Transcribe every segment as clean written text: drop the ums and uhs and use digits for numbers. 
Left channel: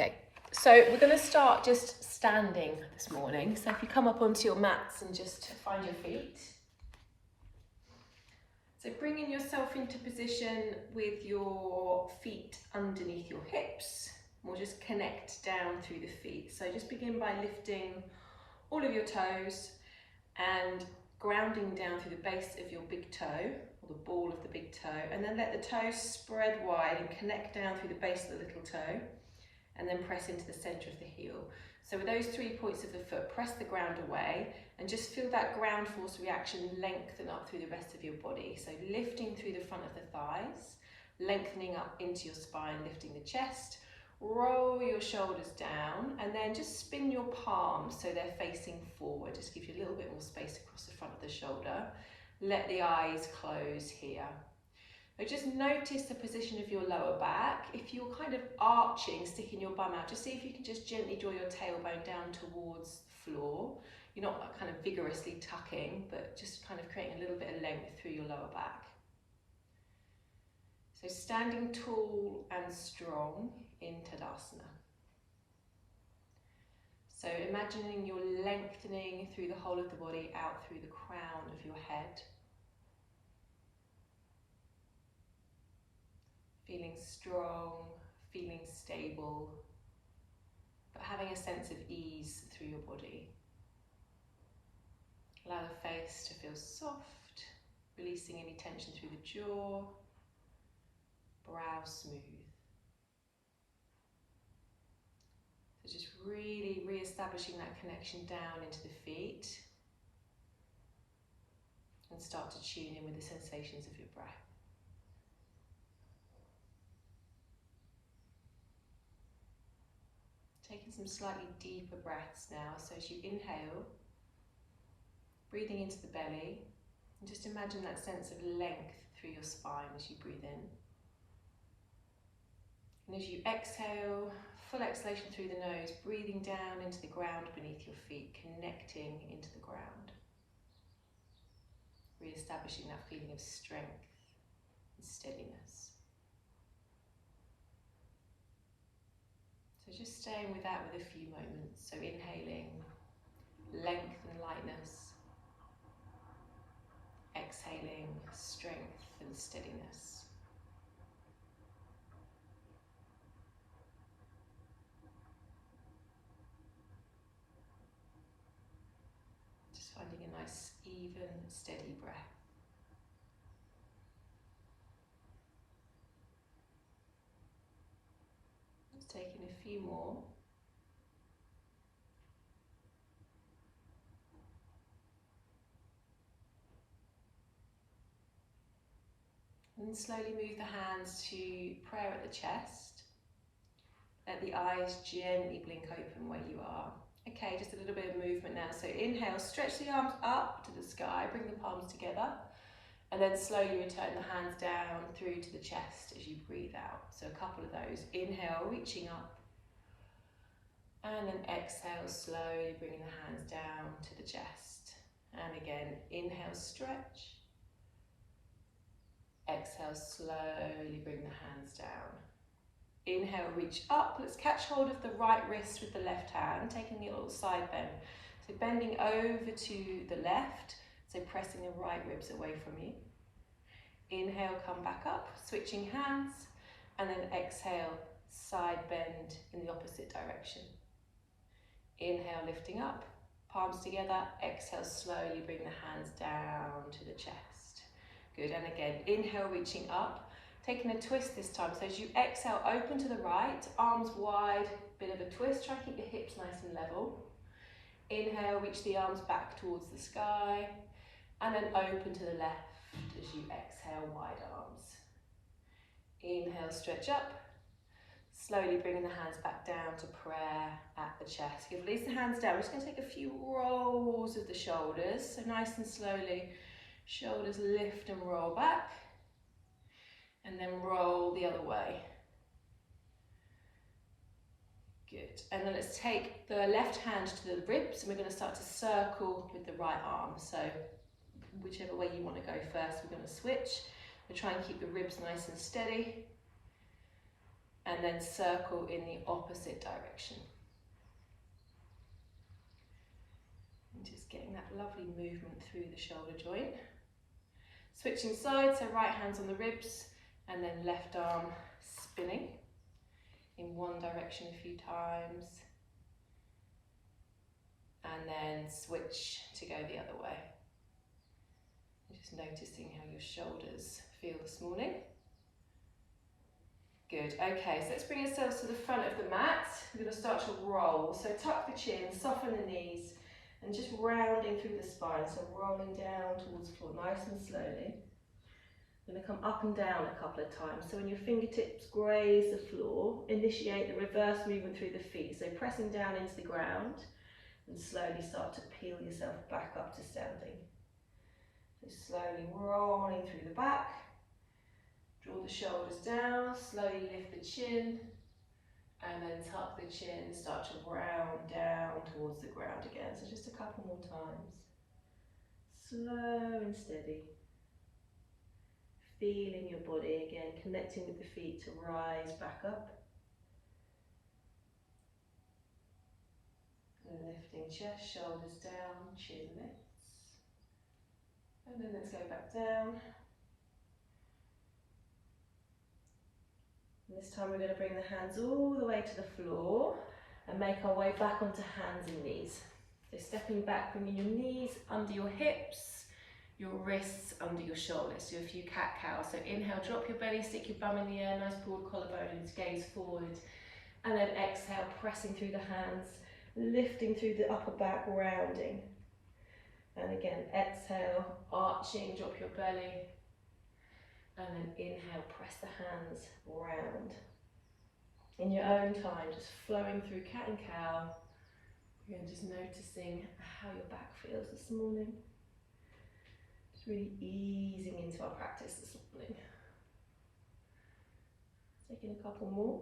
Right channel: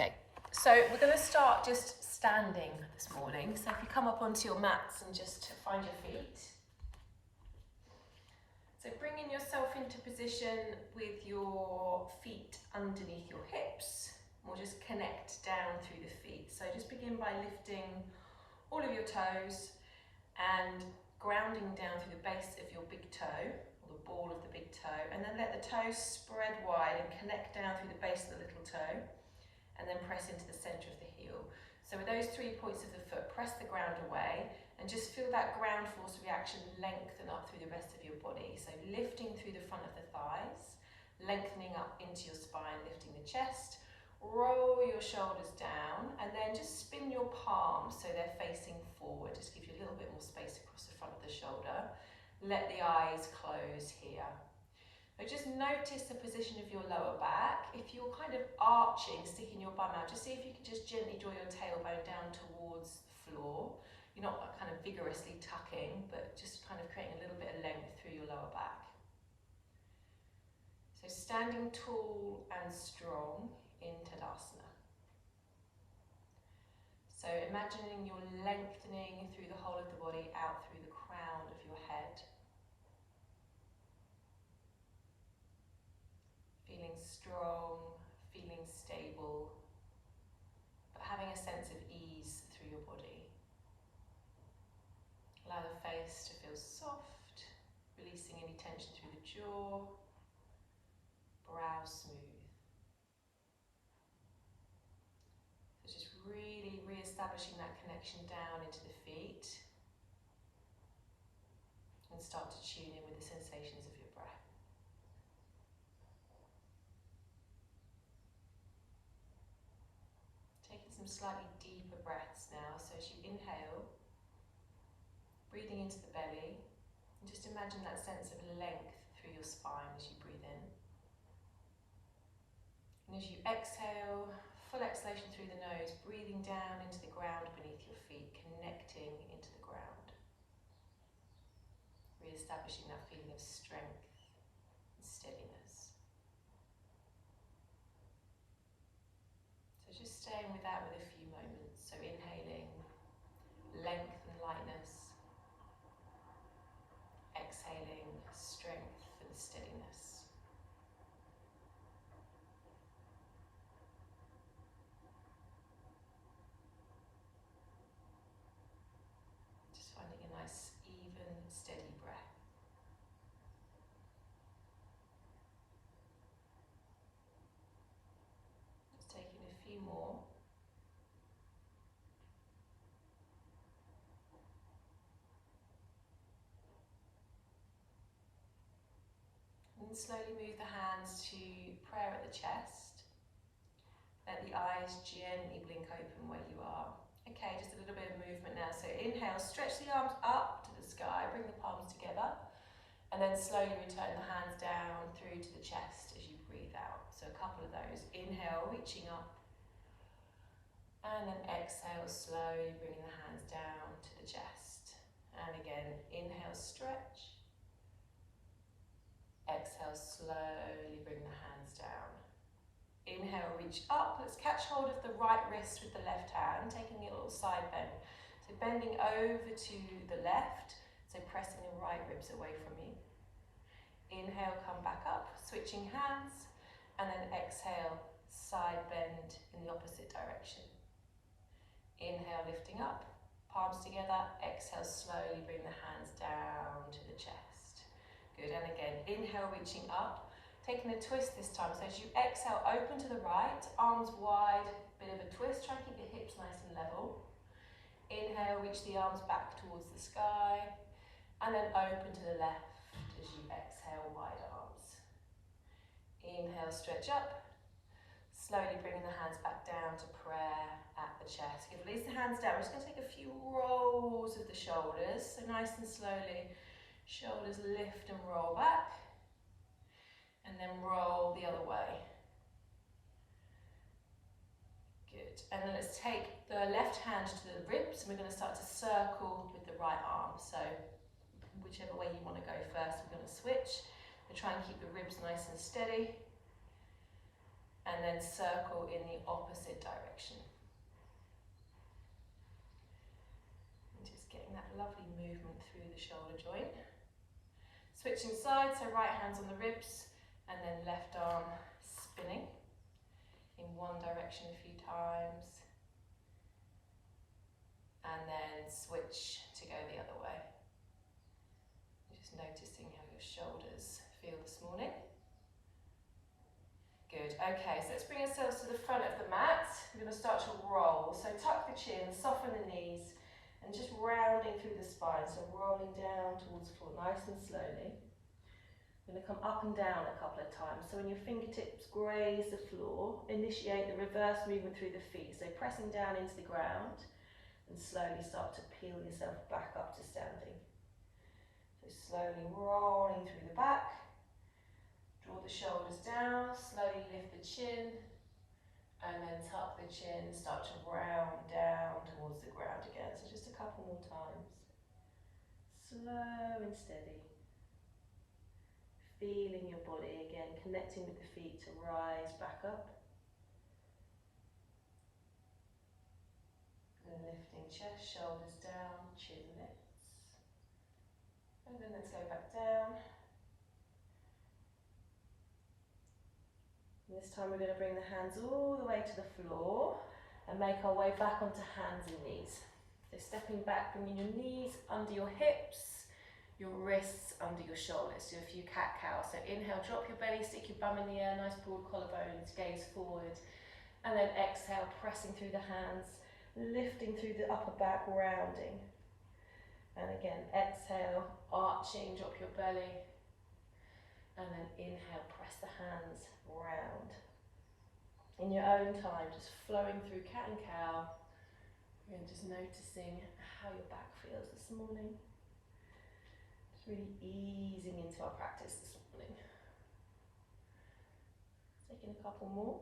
Okay, so we're going to start just standing this morning. So if you come up onto your mats and just find your feet. So bringing yourself into position with your feet underneath your hips. We'll just connect down through the feet. So just begin by lifting all of your toes and grounding down through the base of your big toe, or the ball of the big toe, and then let the toes spread wide and connect down through the base of the little toe, and then press into the center of the heel. So with those 3 points of the foot, press the ground away and just feel that ground force reaction lengthen up through the rest of your body. So lifting through the front of the thighs, lengthening up into your spine, lifting the chest, roll your shoulders down, and then just spin your palms so they're facing forward. Just give you a little bit more space across the front of the shoulder. Let the eyes close here. So just notice the position of your lower back. If you're kind of arching, sticking your bum out, just see if you can just gently draw your tailbone down towards the floor. You're not kind of vigorously tucking, but just kind of creating a little bit of length through your lower back. So standing tall and strong in Tadasana. So imagining you're lengthening through the whole of the body, out through the crown of your head. Feeling strong, feeling stable, but having a sense of ease through your body. Allow the face to feel soft, releasing any tension through the jaw, brow smooth. So just really re-establishing that connection down into the feet, and start to tune in with the sensations of your breath. Taking some slightly deeper breaths now. So as you inhale, breathing into the belly, and just imagine that sense of length through your spine as you breathe in. And as you exhale, full exhalation through the nose, breathing down into the ground beneath your feet, connecting into the ground. Re-establishing that feeling of strength and steadiness. So just staying with that with a few moments. So inhaling length and lightness. Exhaling strength and steadiness. Just finding a nice, even, steady breath. Just taking a few more. And slowly move the hands to prayer at the chest. Let the eyes gently blink open where you are. Okay, just a little bit of movement now. So inhale, stretch the arms up to the sky, bring the palms together, and then slowly return the hands down through to the chest as you breathe out. So a couple of those. Inhale, reaching up, and then exhale, slowly bringing the hands down to the chest. And again, inhale, stretch. Exhale, slowly bring the hands down. Inhale, reach up. Let's catch hold of the right wrist with the left hand, taking a little side bend. So bending over to the left, so pressing the right ribs away from you. Inhale, come back up, switching hands, and then exhale, side bend in the opposite direction. Inhale, lifting up, palms together. Exhale, slowly bring the hands down to the chest. Good, and again, inhale, reaching up, taking a twist this time. So as you exhale, open to the right, arms wide, bit of a twist. Try and keep the hips nice and level. Inhale, reach the arms back towards the sky, and then open to the left as you exhale, wide arms. Inhale, stretch up. Slowly bringing the hands back down to prayer at the chest. You release the hands down. We're just going to take a few rolls of the shoulders. So nice and slowly, shoulders lift and roll back. And then roll the other way. Good. And then let's take the left hand to the ribs, and we're going to start to circle with the right arm. So whichever way you want to go first, we're going to switch. We'll try and keep the ribs nice and steady. and then circle in the opposite direction. And just getting that lovely movement through the shoulder joint. Switching sides, so right hand's on the ribs, and then left arm spinning in one direction a few times, and then switch to go the other way. Just noticing how your shoulders feel this morning. Good, okay, so let's bring ourselves to the front of the mat. We're going to start to roll, so tuck the chin, soften the knees, and just rounding through the spine, so rolling down towards the floor, nice and slowly. We're going to come up and down a couple of times, so when your fingertips graze the floor, initiate the reverse movement through the feet, so pressing down into the ground, and slowly start to peel yourself back up to standing. So slowly rolling through the back. Draw the shoulders down, slowly lift the chin, and then tuck the chin, start to round down towards the ground again. So just a couple more times. Slow and steady. Feeling your body again, connecting with the feet to rise back up. And lifting chest, shoulders down, chin lifts. And then let's go back down. This time we're going to bring the hands all the way to the floor and make our way back onto hands and knees. So stepping back, bringing your knees under your hips, your wrists under your shoulders. Do a few cat-cows. So inhale, drop your belly, stick your bum in the air, nice broad collarbones, gaze forward. And then exhale, pressing through the hands, lifting through the upper back, rounding. And again, exhale, arching, drop your belly. And then inhale, press the hands round. In your own time, just flowing through cat and cow. Again, just noticing how your back feels this morning. Just really easing into our practice this morning. Taking a couple more.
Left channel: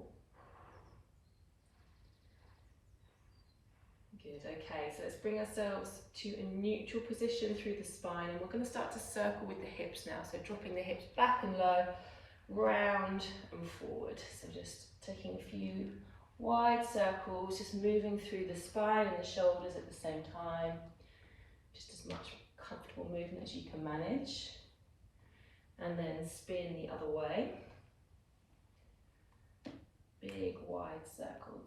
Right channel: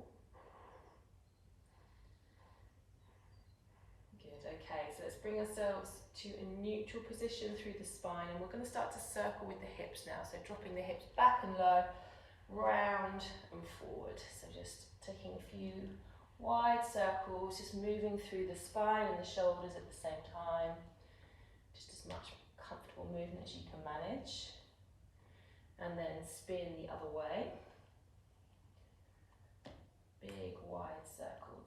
Good, okay, so let's bring ourselves to a neutral position through the spine, and we're going to start to circle with the hips now, so dropping the hips back and low, round and forward. So just taking a few wide circles, just moving through the spine and the shoulders at the same time. Just as much comfortable movement as you can manage. And then spin the other way. Big wide circles.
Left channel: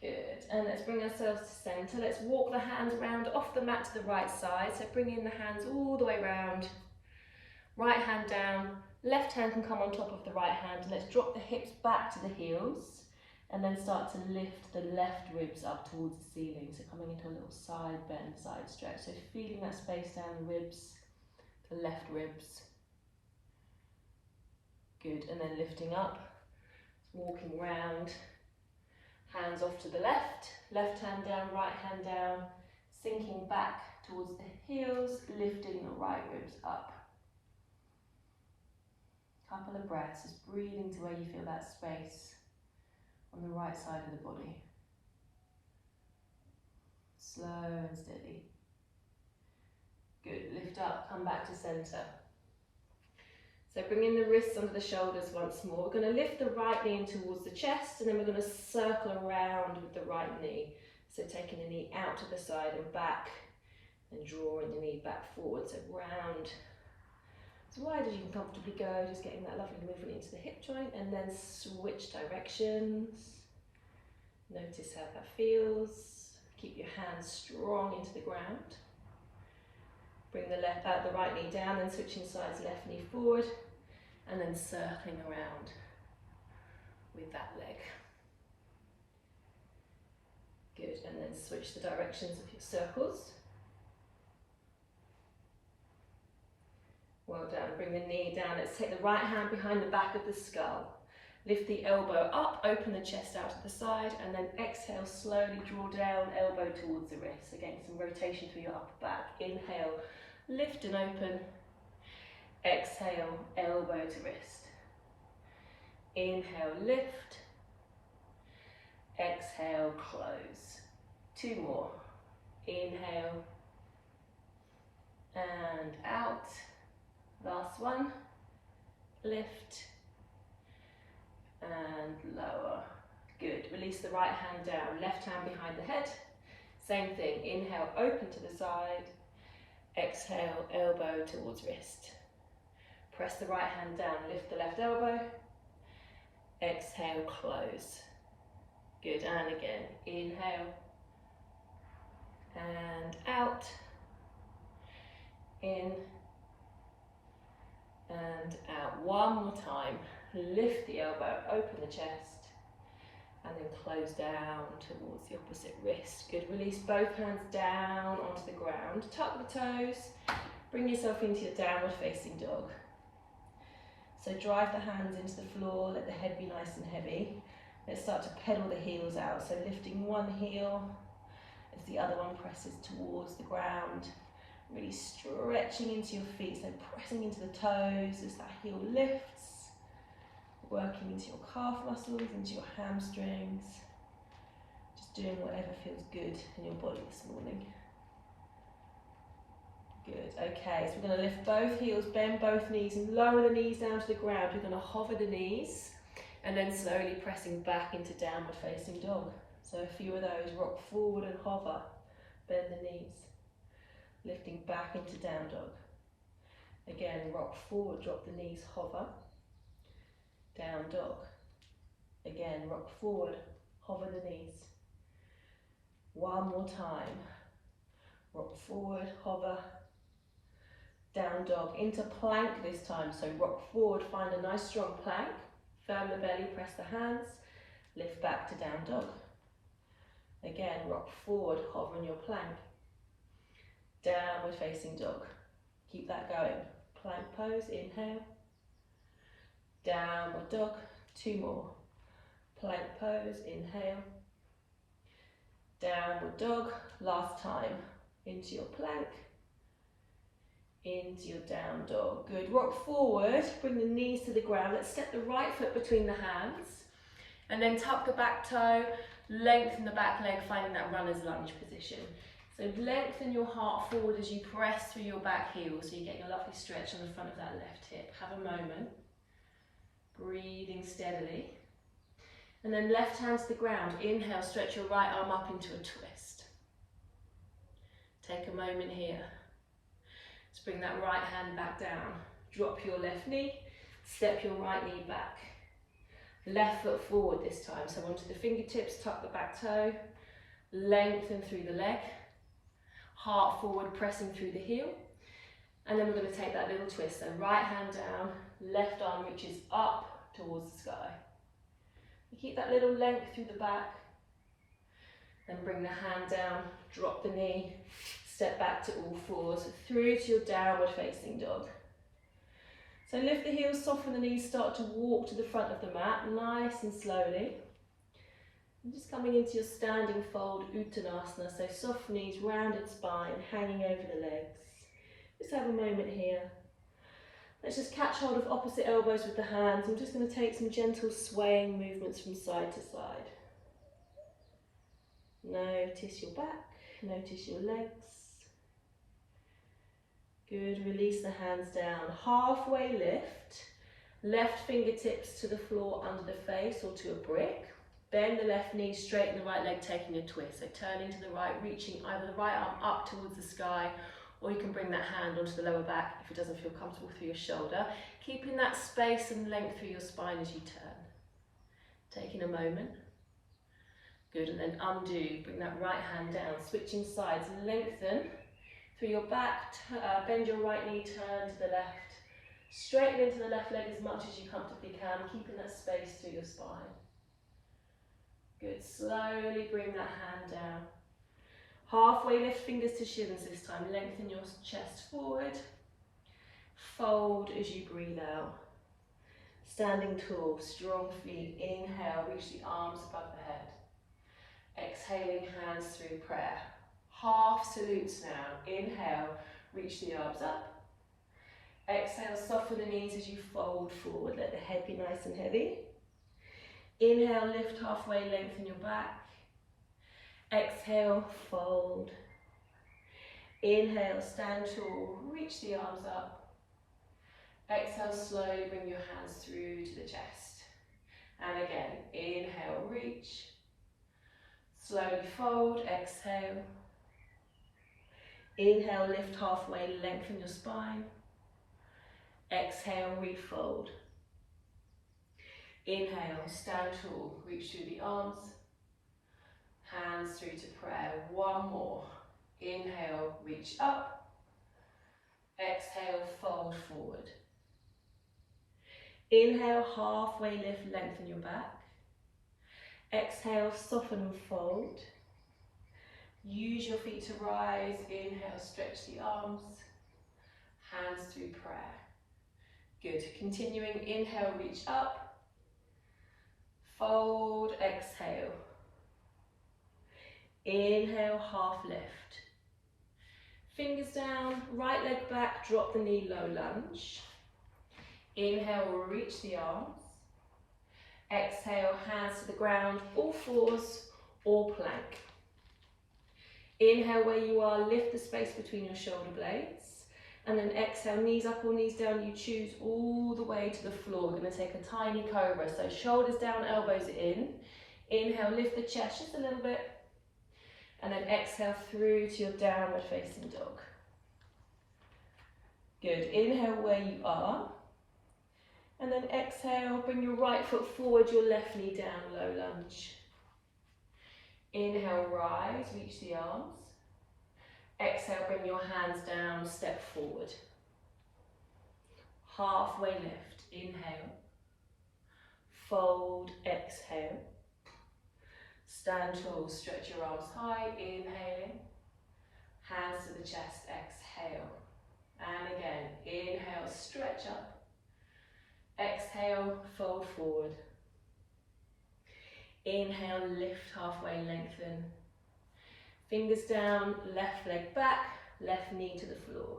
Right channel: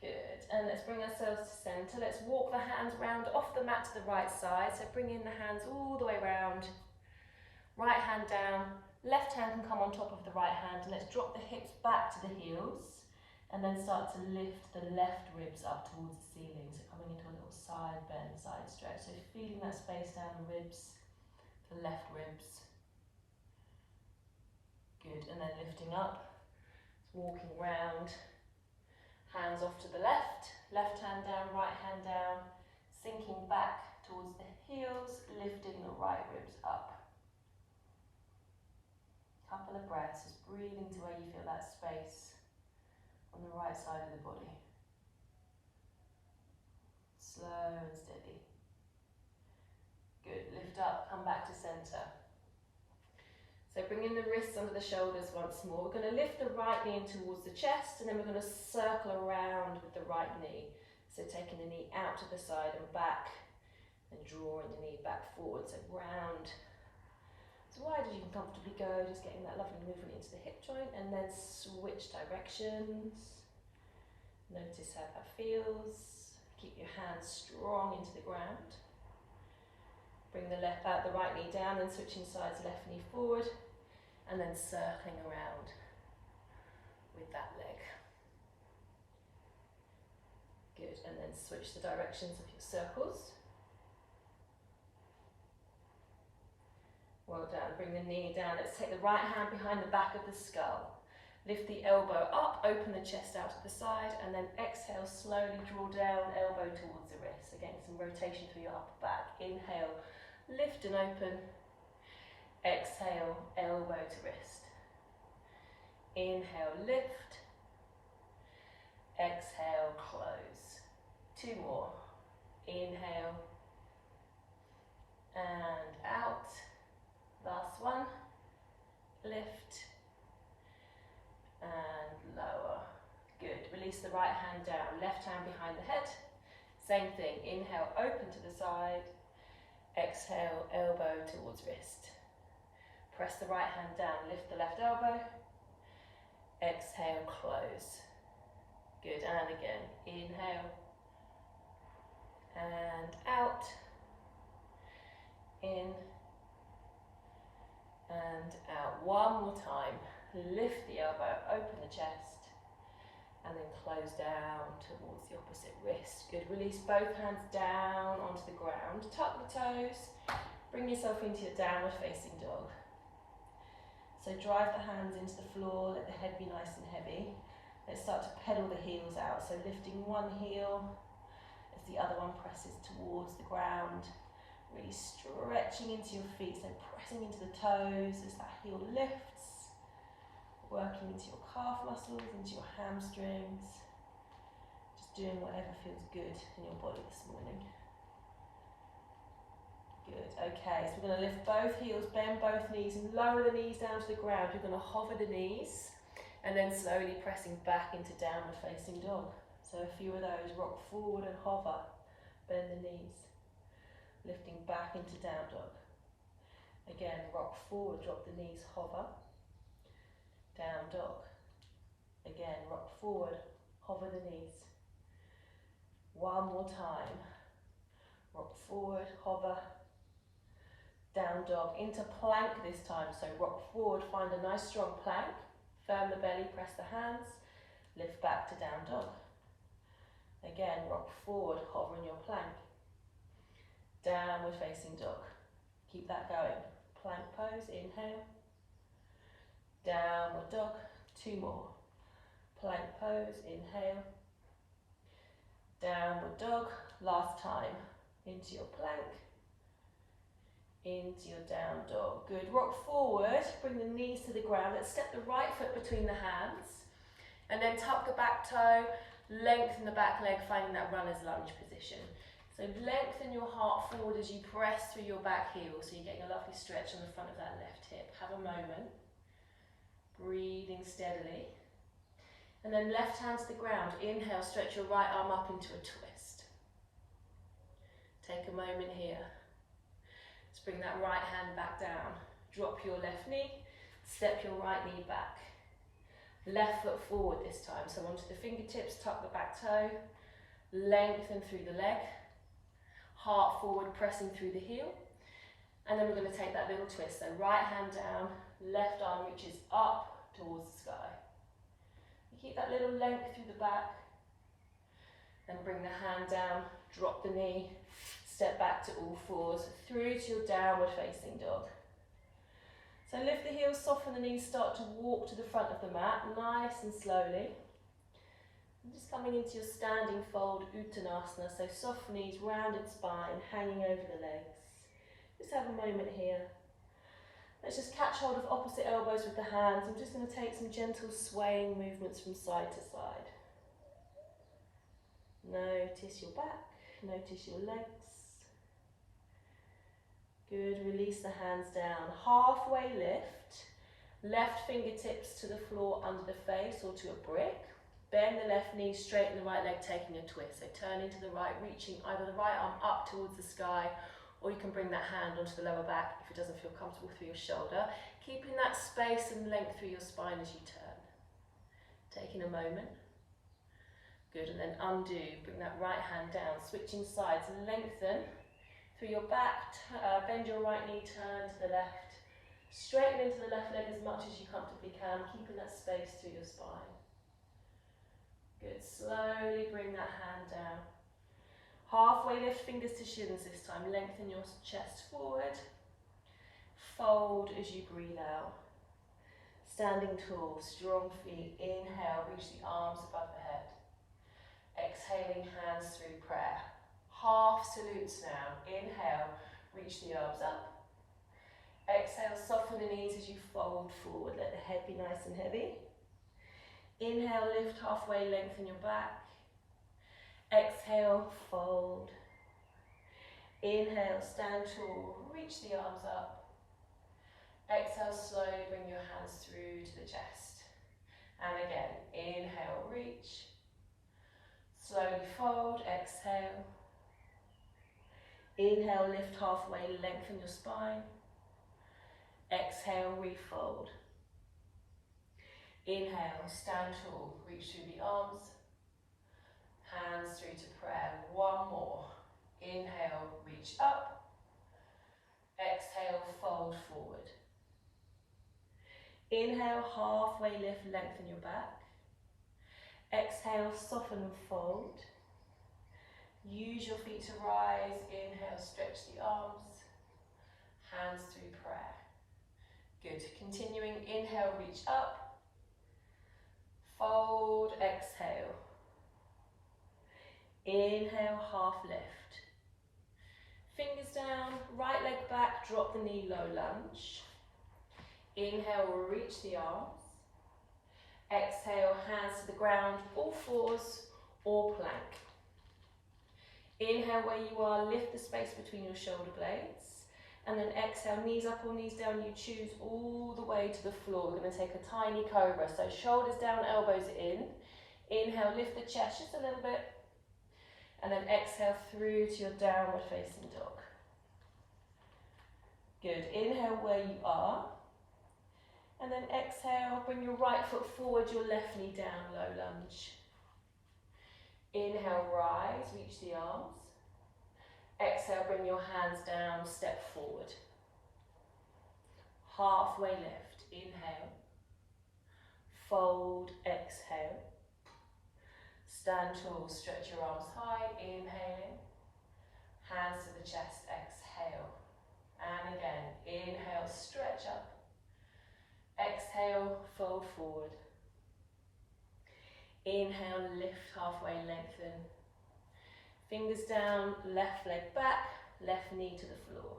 Good, and let's bring ourselves to centre. Let's walk the hands round off the mat to the right side. So bring in the hands all the way round. Right hand down, left hand can come on top of the right hand. And let's drop the hips back to the heels. And then start to lift the left ribs up towards the ceiling. So coming into a little side bend, side stretch. So feeling that space down the ribs, the left ribs. Good, and then lifting up, walking round. Hands off to the left, left hand down, right hand down, sinking back towards the heels, lifting the right ribs up. Couple of breaths, just breathing to where you feel that space on the right side of the body. Slow and steady. Good, lift up, come back to centre. So bringing the wrists under the shoulders once more. We're going to lift the right knee in towards the chest, and then we're going to circle around with the right knee. So taking the knee out to the side and back, and drawing the knee back forward. So round, as wide as you can comfortably go, just getting that lovely movement into the hip joint, and then switch directions. Notice how that feels. Keep your hands strong into the ground. Bring the right knee down, and switching sides, left knee forward, and then circling around with that leg. Good, and then switch the directions of your circles. Well done, bring the knee down. Let's take the right hand behind the back of the skull. Lift the elbow up, open the chest out to the side, and then exhale, slowly draw down, elbow towards the wrist. Again, some rotation through your upper back. Inhale, lift and open. Exhale, elbow to wrist. Inhale, lift. Exhale, close. Two more. Inhale. And out. Last one. lift, and lower. Good. Release the right hand down, left hand behind the head. Same thing. Inhale, open to the side. Exhale, elbow towards wrist. Press the right hand down, lift the left elbow. Exhale, close. Good. And again. Inhale. And out. In. And out. One more time. Lift the elbow, open the chest. And then close down towards the opposite wrist. Good. Release both hands down onto the ground. Tuck the toes. Bring yourself into your downward facing dog. So drive the hands into the floor. Let the head be nice and heavy. Let's start to pedal the heels out. So lifting one heel as the other one presses towards the ground. Really stretching into your feet. So pressing into the toes as that heel lifts. Working into your calf muscles, into your hamstrings. Just doing whatever feels good in your body this morning. Good, okay, so we're going to lift both heels, bend both knees and lower the knees down to the ground. We're going to hover the knees and then slowly pressing back into downward facing dog. So a few of those, rock forward and hover, bend the knees. Lifting back into down dog. Again, rock forward, drop the knees, hover. Down dog. Again, rock forward, hover the knees. One more time. Rock forward, hover. Down dog. Into plank this time. So rock forward, find a nice strong plank. Firm the belly, press the hands. Lift back to down dog. Again, rock forward, hover in your plank. Downward facing dog. Keep that going. Plank pose, inhale. Downward dog, two more. Plank pose, inhale. Downward dog, last time. Into your plank. Into your down dog. Good. Rock forward, bring the knees to the ground. Let's step the right foot between the hands. And then tuck the back toe, lengthen the back leg, finding that runner's lunge position. So lengthen your heart forward as you press through your back heel, so you're getting a lovely stretch on the front of that left hip. Have a moment. Breathing steadily. And then left hand to the ground. Inhale, stretch your right arm up into a twist. Take a moment here. Let's bring that right hand back down. Drop your left knee. Step your right knee back. Left foot forward this time. So onto the fingertips, tuck the back toe. Lengthen through the leg. Heart forward, pressing through the heel. And then we're going to take that little twist. So right hand down, left arm reaches up towards the sky. You keep that little length through the back. Then bring the hand down, drop the knee, step back to all fours, through to your downward facing dog. So lift the heels, soften the knees, start to walk to the front of the mat, nice and slowly. And just coming into your standing fold, Uttanasana, so soft knees, rounded spine, hanging over the legs. Just have a moment here. Let's just catch hold of opposite elbows with the hands. I'm just going to take some gentle swaying movements from side to side. Notice your back, notice your legs. Good, release the hands down. Halfway lift, left fingertips to the floor under the face or to a brick. Bend the left knee, straighten the right leg, taking a twist. So turning to the right, reaching either the right arm up towards the sky, or you can bring that hand onto the lower back if it doesn't feel comfortable through your shoulder. Keeping that space and length through your spine as you turn. Taking a moment. Good, and then undo. Bring that right hand down, switching sides, lengthen through your back, bend your right knee, turn to the left. Straighten into the left leg as much as you comfortably can, keeping that space through your spine. Good, slowly bring that hand down. Halfway lift, fingers to shins this time. Lengthen your chest forward. Fold as you breathe out. Standing tall, strong feet. Inhale, reach the arms above the head. Exhaling, hands through prayer. Half salutes now. Inhale, reach the arms up. Exhale, soften the knees as you fold forward. Let the head be nice and heavy. Inhale, lift halfway, lengthen your back. Exhale, fold. Inhale, stand tall, reach the arms up. Exhale, slowly bring your hands through to the chest. And again, inhale, reach. Slowly fold, exhale. Inhale, lift halfway, lengthen your spine. Exhale, refold. Inhale, stand tall, reach through the arms. Hands through to prayer. One more. Inhale, reach up. Exhale, fold forward. Inhale, halfway lift, lengthen your back. Exhale, soften and fold. Use your feet to rise. Inhale, stretch the arms. Hands through prayer. Good. Continuing, inhale, reach up. Fold, exhale. Inhale, half lift. Fingers down, right leg back, drop the knee, low lunge. Inhale, reach the arms. Exhale, hands to the ground, all fours or plank. Inhale where you are, lift the space between your shoulder blades. And then exhale, knees up or knees down, you choose all the way to the floor. We're going to take a tiny cobra. So shoulders down, elbows in. Inhale, lift the chest just a little bit. And then exhale through to your downward facing dog. Good. Inhale where you are. And then exhale, bring your right foot forward, your left knee down, low lunge. Inhale, rise, reach the arms. Exhale, bring your hands down, step forward. Halfway lift, inhale. Fold, exhale. Stand tall, stretch your arms high, inhaling. Hands to the chest, exhale. And again, inhale, stretch up. Exhale, fold forward. Inhale, lift halfway, lengthen. Fingers down, left leg back, left knee to the floor.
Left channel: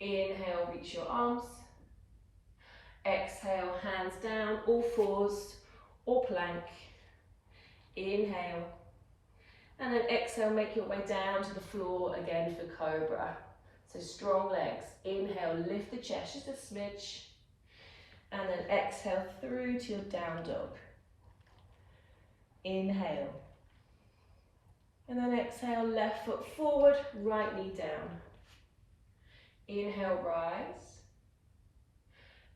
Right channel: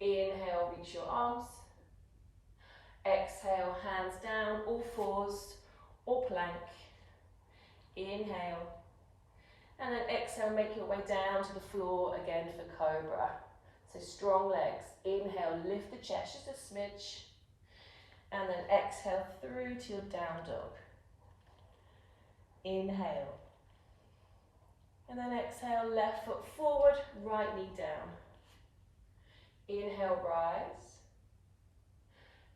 Inhale, reach your arms. Exhale, hands down, all fours or plank. Inhale. And then exhale, make your way down to the floor again for cobra. So strong legs. Inhale, lift the chest just a smidge. And then exhale through to your down dog. Inhale. And then exhale, left foot forward, right knee down. Inhale, rise.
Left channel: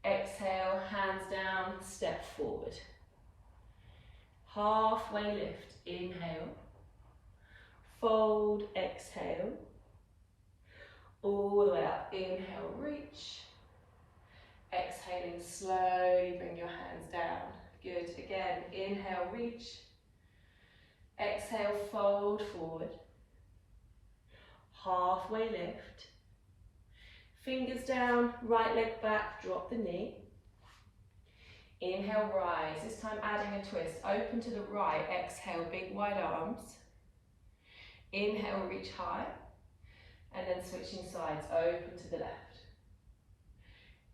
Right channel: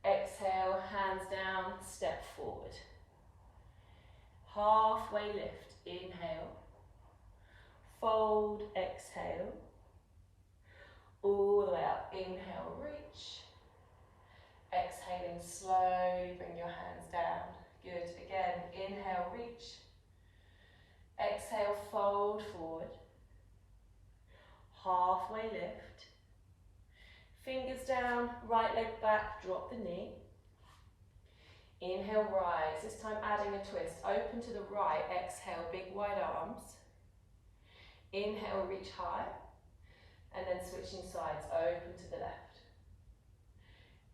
Exhale, hands down, step forward. Halfway lift, inhale. Fold, exhale. All the way up, inhale, reach. Exhaling, slowly bring your hands down. Good, again, inhale, reach. Exhale, fold forward. Halfway lift. Fingers down, right leg back, drop the knee. Inhale, rise. This time adding a twist. Open to the right, exhale, big wide arms. Inhale, reach high. And then switching sides, open to the left.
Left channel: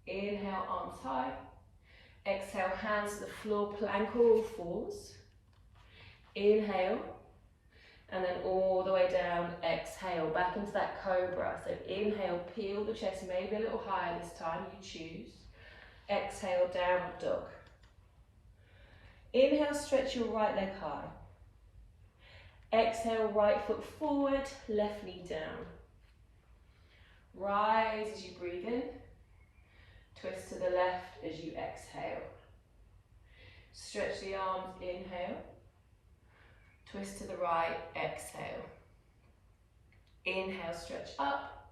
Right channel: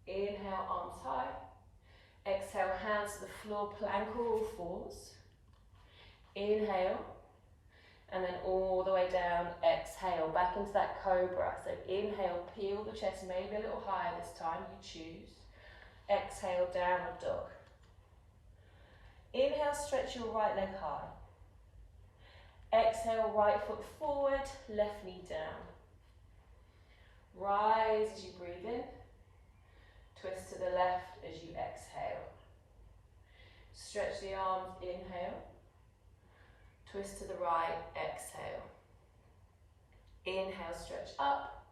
Inhale, arms high. Exhale, hands to the floor, plank or all fours. Inhale, and then all the way down, exhale, back into that cobra. So inhale, peel the chest, maybe a little higher this time, you choose. Exhale, downward dog. Inhale, stretch your right leg high. Exhale, right foot forward, left knee down. Rise as you breathe in. Twist to the left as you exhale. Stretch the arms, inhale. Twist to the right, exhale. Inhale, stretch up.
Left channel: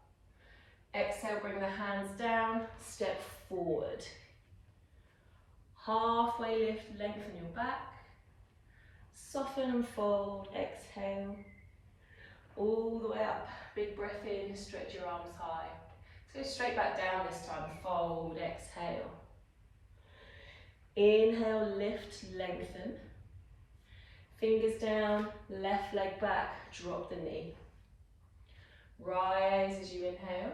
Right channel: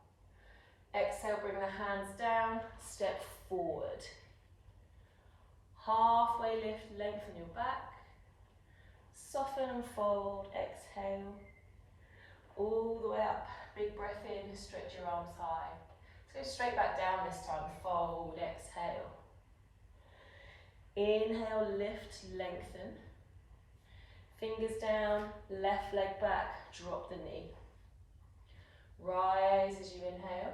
Exhale, bring the hands down, step forward. Halfway lift, lengthen your back. Soften and fold, exhale. All the way up, big breath in, stretch your arms high. Let's go straight back down this time, fold, exhale. Inhale, lift, lengthen. Fingers down, left leg back, drop the knee. Rise as you inhale.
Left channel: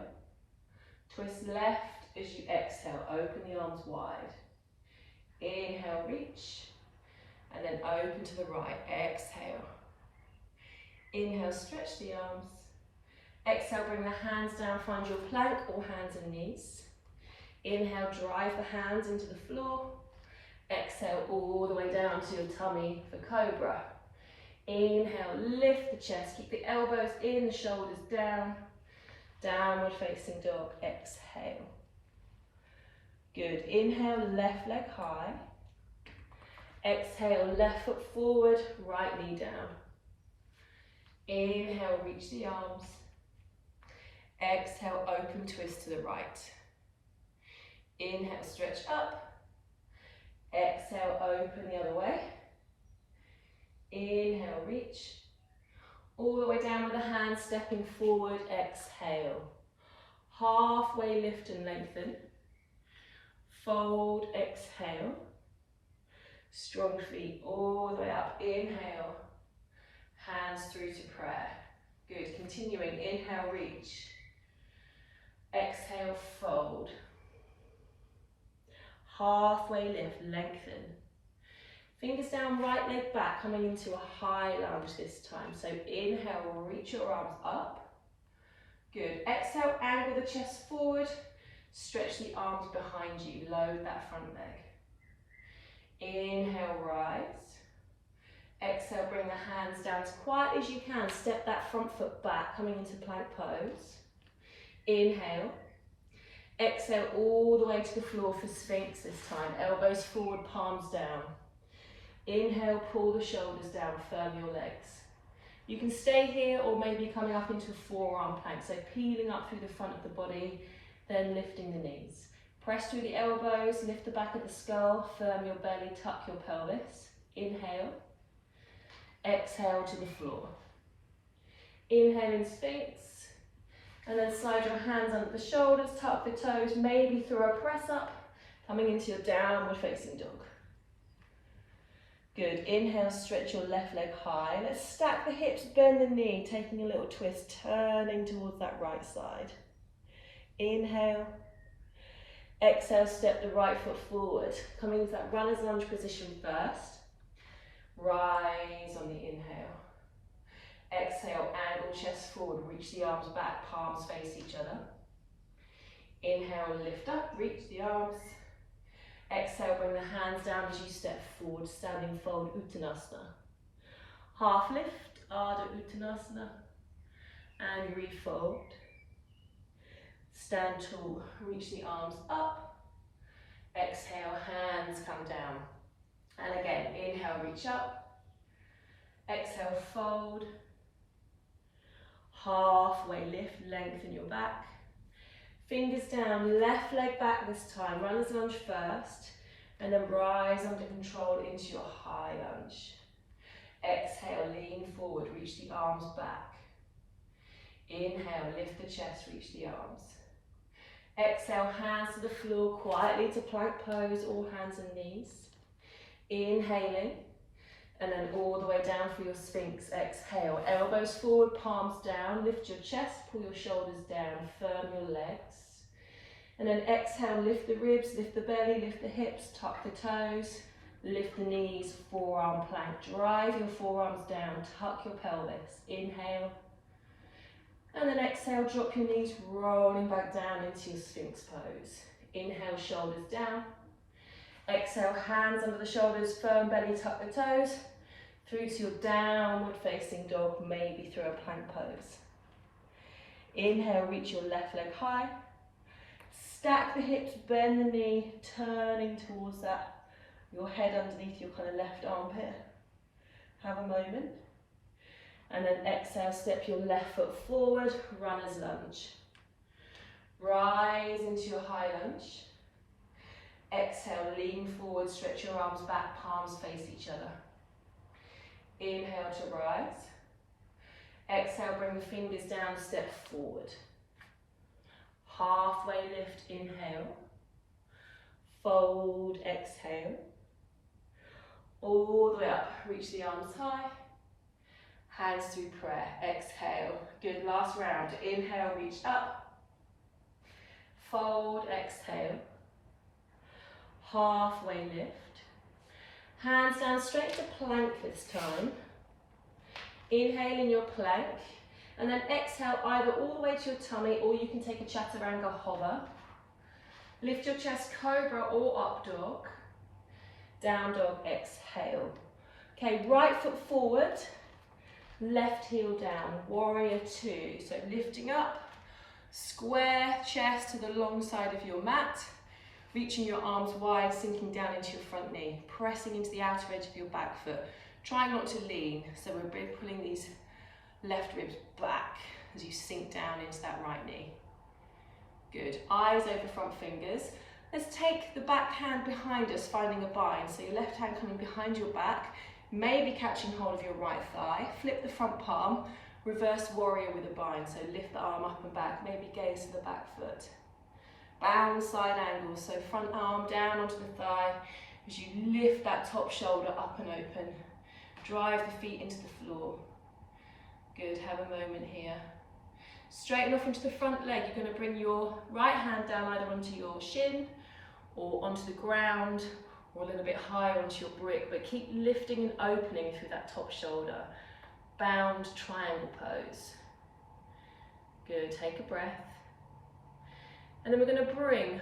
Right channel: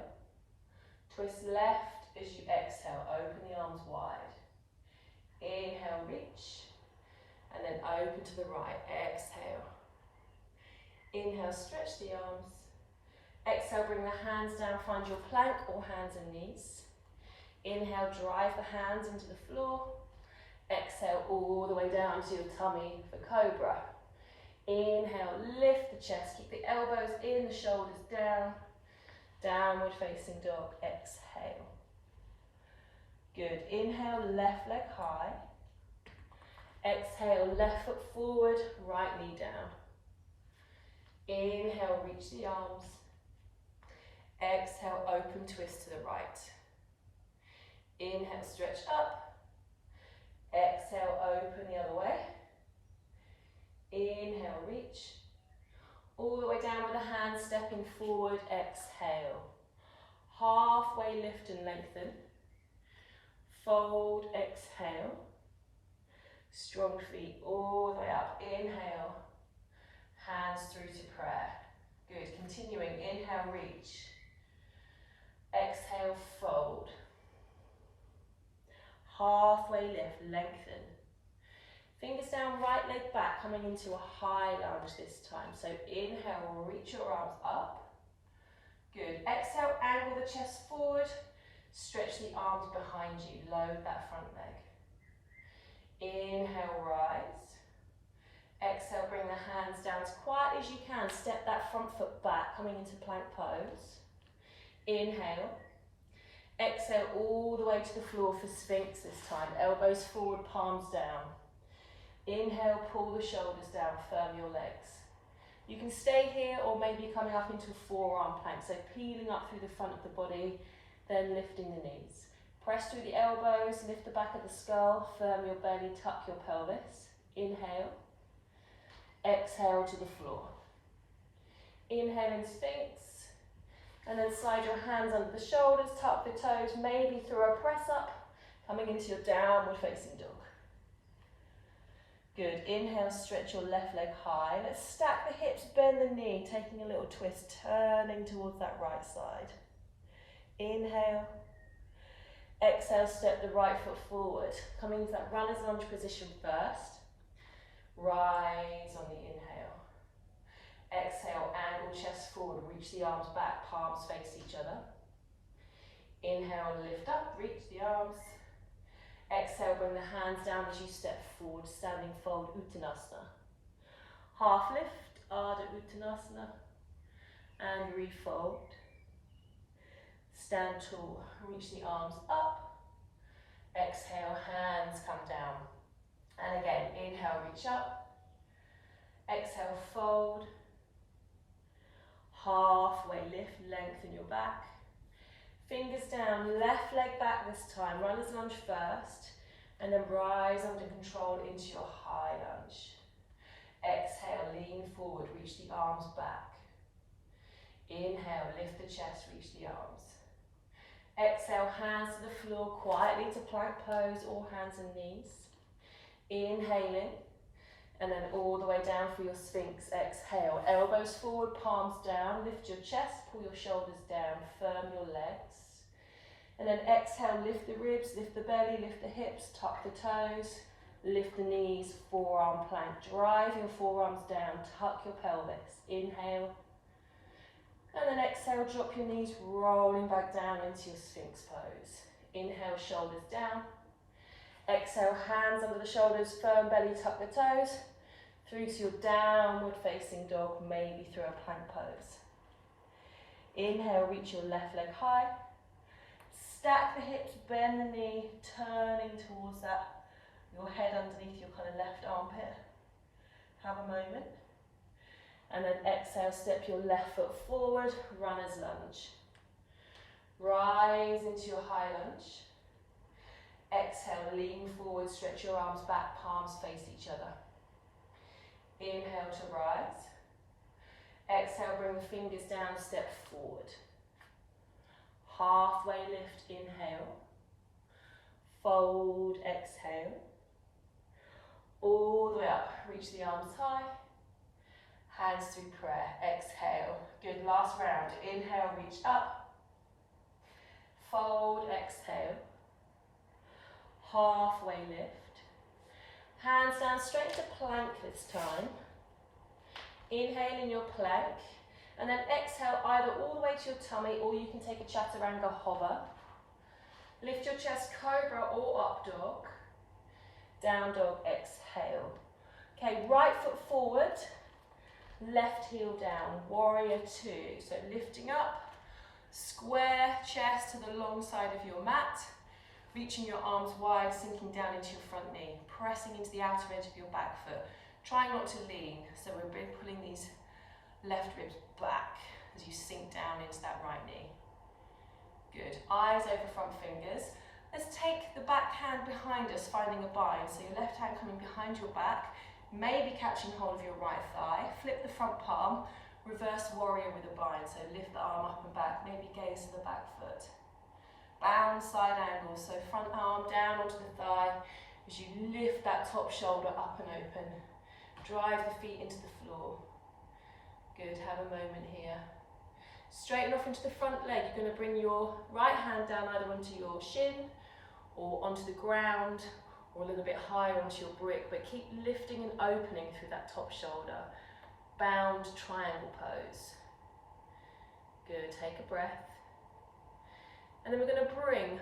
Twist left as you exhale, open the arms wide. Inhale, reach, and then open to the right, exhale. Inhale, stretch the arms. Exhale, bring the hands down, find your plank or hands and knees. Inhale, drive the hands into the floor. Exhale all the way down to your tummy for cobra. Inhale, lift the chest, keep the elbows in, the shoulders down. Downward facing dog, exhale. Good, inhale, left leg high. Exhale, left foot forward, right knee down. Inhale, reach the arms. Exhale, open twist to the right. Inhale, stretch up. Exhale, open the other way. Inhale, reach. All the way down with the hands, stepping forward, exhale. Halfway lift and lengthen. Fold, exhale. Strong feet all the way up. Inhale, hands through to prayer. Good, continuing, inhale, reach. Exhale, fold. Halfway lift, lengthen. Fingers down, right leg back, coming into a high lunge this time. So inhale, reach your arms up. Good. Exhale, angle the chest forward. Stretch the arms behind you. Load that front leg. Inhale, rise. Exhale, bring the hands down as quietly as you can. Step that front foot back, coming into plank pose. Inhale. Exhale all the way to the floor for Sphinx this time. Elbows forward, palms down. Inhale, pull the shoulders down, firm your legs. You can stay here or maybe coming up into a forearm plank. So peeling up through the front of the body, then lifting the knees. Press through the elbows, lift the back of the skull, firm your belly, tuck your pelvis. Inhale. Exhale to the floor. Inhale in Sphinx. And then slide your hands under the shoulders, tuck the toes, maybe throw a press up, coming into your downward facing dog. Good, inhale, stretch your left leg high. Let's stack the hips, bend the knee, taking a little twist, turning towards that right side. Inhale. Exhale, step the right foot forward, coming into that runner's lunge position first. Rise on the inhale. Exhale, angle chest forward, reach the arms back, palms face each other. Inhale, lift up, reach the arms. Exhale, bring the hands down as you step forward, standing fold, Uttanasana. Half lift, Ardha Uttanasana, and refold. Stand tall, reach the arms up. Exhale, hands come down. And again, inhale, reach up. Exhale, fold. Halfway lift, lengthen your back. Fingers down, left leg back this time. Runner's lunge first, and then rise under control into your high lunge. Exhale, lean forward, reach the arms back. Inhale, lift the chest, reach the arms. Exhale, hands to the floor, quietly to plank pose, or hands and knees. Inhaling. And then all the way down for your Sphinx. Exhale, elbows forward, palms down, lift your chest, pull your shoulders down, firm your legs. And then exhale, lift the ribs, lift the belly, lift the hips, tuck the toes, lift the knees, forearm plank. Drive your forearms down, tuck your pelvis. Inhale. And then exhale, drop your knees, rolling back down into your Sphinx pose. Inhale, shoulders down. Exhale, hands under the shoulders, firm belly, tuck the toes. Through to your downward facing dog, maybe through a plank pose. Inhale, reach your left leg high. Stack the hips, bend the knee, turning towards that, your head underneath your kind of left armpit. Have a moment. And then exhale, step your left foot forward, runner's lunge. Rise into your high lunge. Exhale, lean forward, stretch your arms back, palms face each other. Inhale to rise. Exhale, bring the fingers down, step forward. Halfway lift, inhale. Fold, exhale. All the way up, reach the arms high. Hands through prayer, exhale. Good, last round. Inhale, reach up. Fold, exhale. Halfway lift. Hands down straight to plank this time. Inhale in your plank. And then exhale either all the way to your tummy, or you can take a chaturanga hover. Lift your chest, cobra or up dog. Down dog, exhale. Okay, right foot forward, left heel down, warrior two. So lifting up, square chest to the long side of your mat, reaching your arms wide, sinking down into your front knee, pressing into the outer edge of your back foot. Trying not to lean, so we're pulling these left ribs back as you sink down into that right knee. Good, eyes over front fingers. Let's take the back hand behind us, finding a bind. So your left hand coming behind your back, maybe catching hold of your right thigh. Flip the front palm, reverse warrior with a bind. So lift the arm up and back, maybe gaze to the back foot. Bound side angle, so front arm down onto the thigh as you lift that top shoulder up and open. Drive the feet into the floor. Good, have a moment here. Straighten off into the front leg. You're going to bring your right hand down either onto your shin or onto the ground or a little bit higher onto your brick, but keep lifting and opening through that top shoulder. Bound triangle pose. Good, take a breath. And then we're going to bring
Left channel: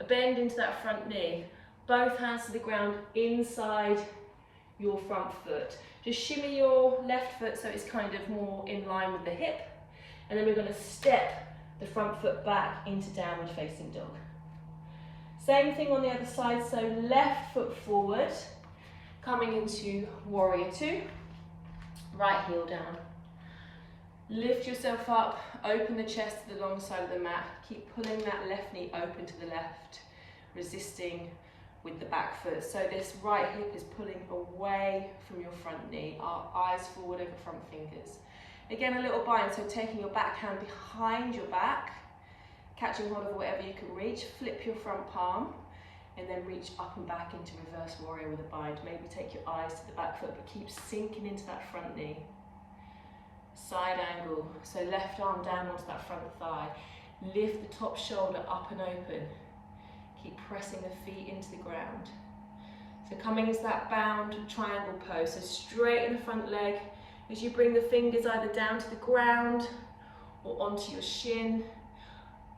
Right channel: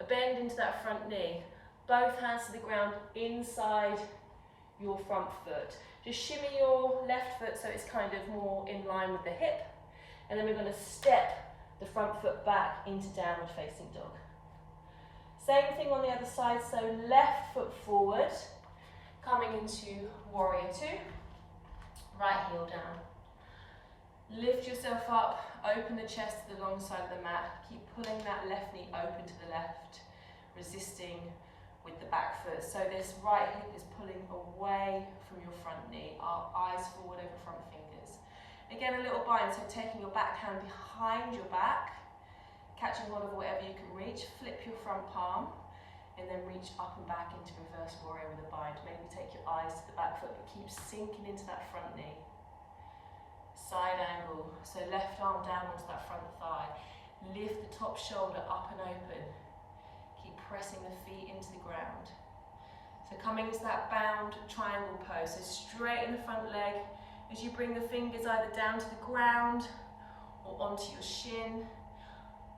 a bend into that front knee. Both hands to the ground inside your front foot. Just shimmy your left foot so it's kind of more in line with the hip. And then we're going to step the front foot back into downward facing dog. Same thing on the other side, so left foot forward, coming into warrior two, right heel down. Lift yourself up, open the chest to the long side of the mat, keep pulling that left knee open to the left, resisting with the back foot. So this right hip is pulling away from your front knee, our eyes forward over front fingers. Again, a little bind, so taking your back hand behind your back, catching hold of whatever you can reach, flip your front palm, and then reach up and back into reverse warrior with a bind. Maybe take your eyes to the back foot, but keep sinking into that front knee. Side angle, so left arm down onto that front thigh. Lift the top shoulder up and open. Keep pressing the feet into the ground. So coming into that bound triangle pose, so straighten the front leg as you bring the fingers either down to the ground or onto your shin.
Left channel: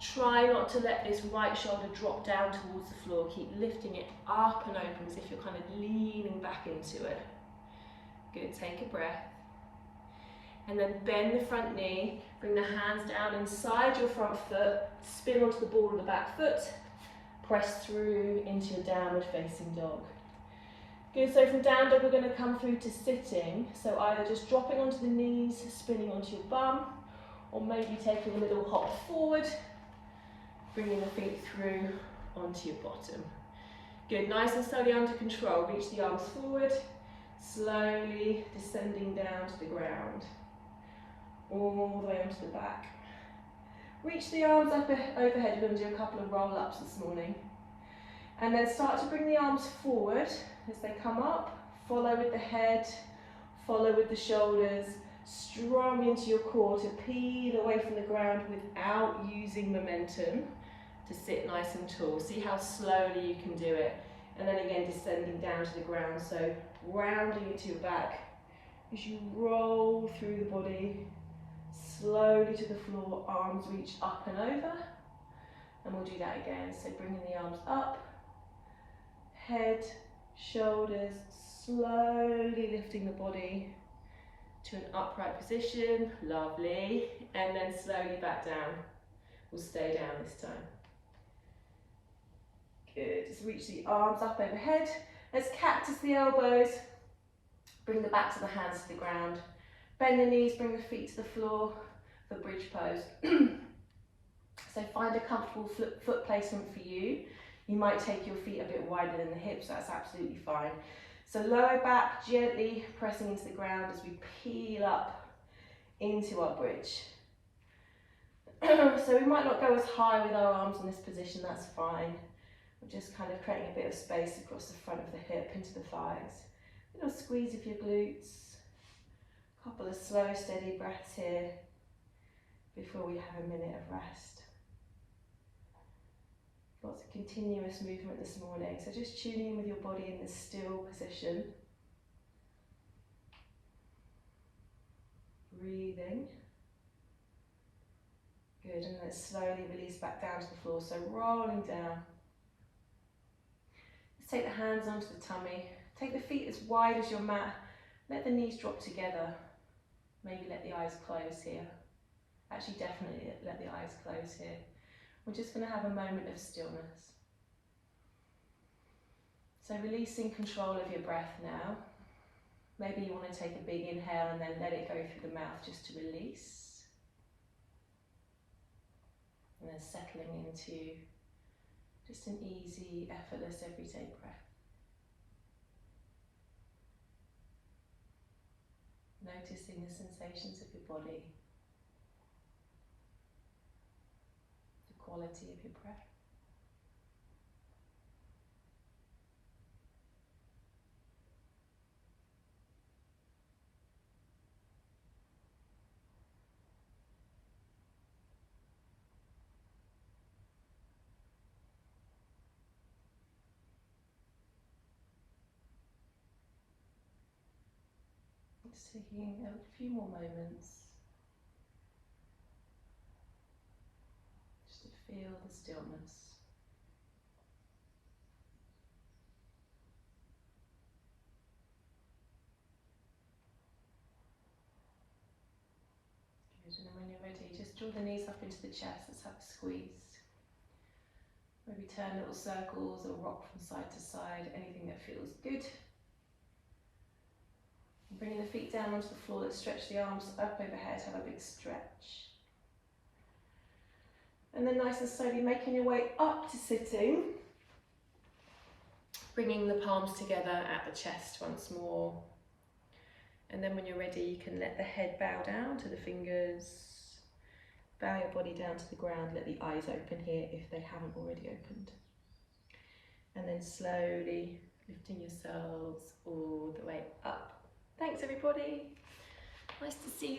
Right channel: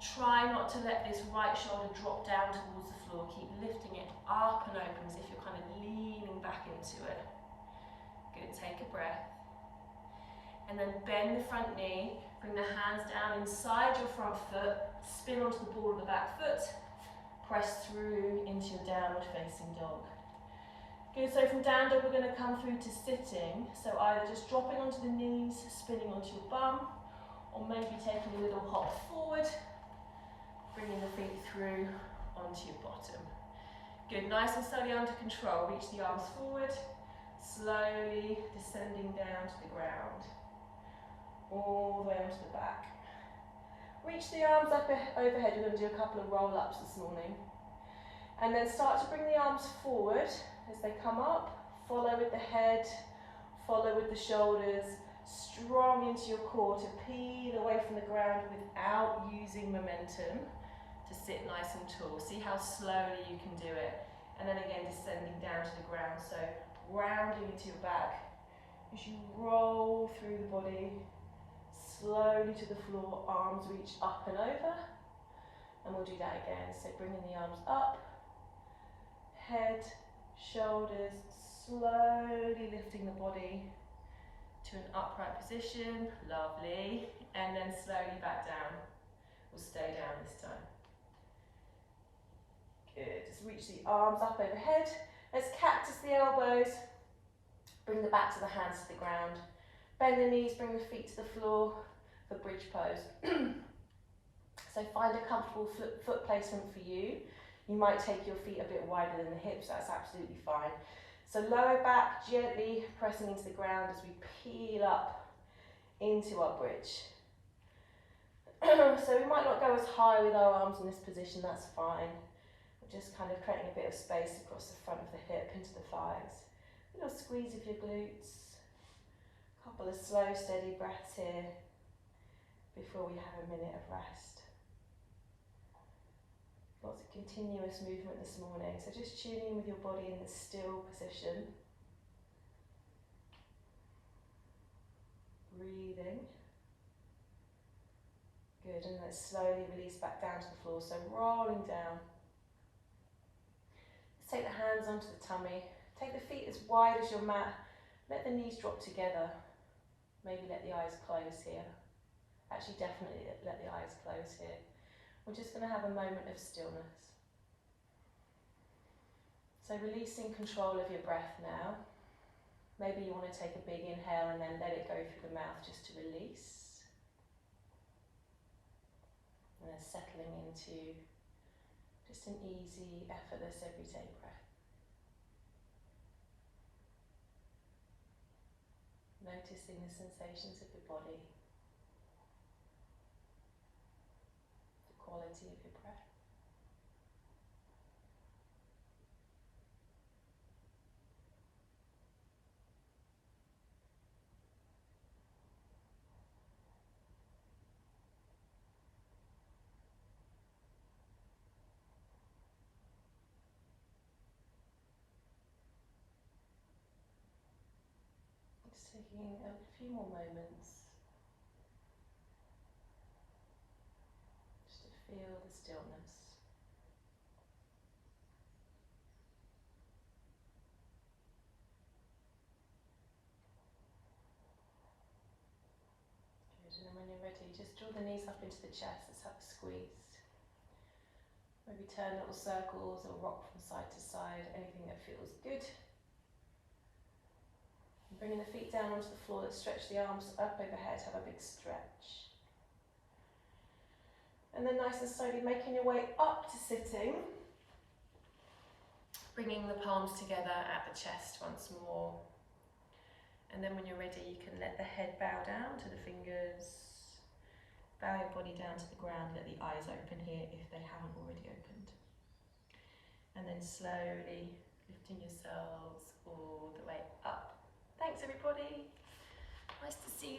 Try not to let this right shoulder drop down towards the floor. Keep lifting it up and open as if you're kind of leaning back into it. Good, take a breath. And then bend the front knee, bring the hands down inside your front foot, spin onto the ball of the back foot, press through into your downward facing dog. Good, so from down dog we're going to come through to sitting, so either just dropping onto the knees, spinning onto your bum, or maybe taking a little hop forward, bringing the feet through onto your bottom. Good, nice and slowly under control, reach the arms forward, slowly descending down to the ground, all the way onto the back. Reach the arms up overhead. We're going to do a couple of roll-ups this morning. And then start to bring the arms forward as they come up. Follow with the head, follow with the shoulders, strong into your core to peel away from the ground without using momentum to sit nice and tall. See how slowly you can do it. And then again, descending down to the ground. So rounding into your back as you roll through the body, slowly to the floor, arms reach up and over. And we'll do that again. So bringing the arms up, head, shoulders, slowly lifting the body to an upright position. Lovely. And then slowly back down. We'll stay down this time. Good. Just reach the arms up overhead. Let's cactus the elbows. Bring the back to the hands to the ground. Bend the knees, bring the feet to the floor for bridge pose. So find a comfortable foot placement for you. You might take your feet a bit wider than the hips, that's absolutely fine. So lower back, gently pressing into the ground as we peel up into our bridge. So we might not go as high with our arms in this position, that's fine. We're just kind of creating a bit of space across the front of the hip into the thighs. A little squeeze of your glutes. A couple of slow, steady breaths here before we have a minute of rest. Lots of continuous movement this morning, so just tuning in with your body in this still position. Breathing. Good, and then slowly release back down to the floor, so rolling down. Let's take the hands onto the tummy. Take the feet as wide as your mat. Let the knees drop together. Maybe let the eyes close here. Actually, definitely let the eyes close here. We're just going to have a moment of stillness. So releasing control of your breath now. Maybe you want to take a big inhale and then let it go through the mouth just to release. And then settling into just an easy, effortless, everyday breath. Noticing the sensations of your body, the quality of your breath. Just taking a few more moments just to feel the stillness. Good, and then when you're ready, just draw the knees up into the chest. Let's have a squeeze. Maybe turn little circles or rock from side to side, anything that feels good. And bringing the feet down onto the floor, let's stretch the arms up overhead, have a big stretch. And then nice and slowly making your way up to sitting. Bringing the palms together at the chest once more. And then when you're ready, you can let the head bow down to the fingers. Bow your body down to the ground, let the eyes open here if they haven't already opened. And then slowly lifting yourselves all the way up. Thanks everybody. Nice to see you.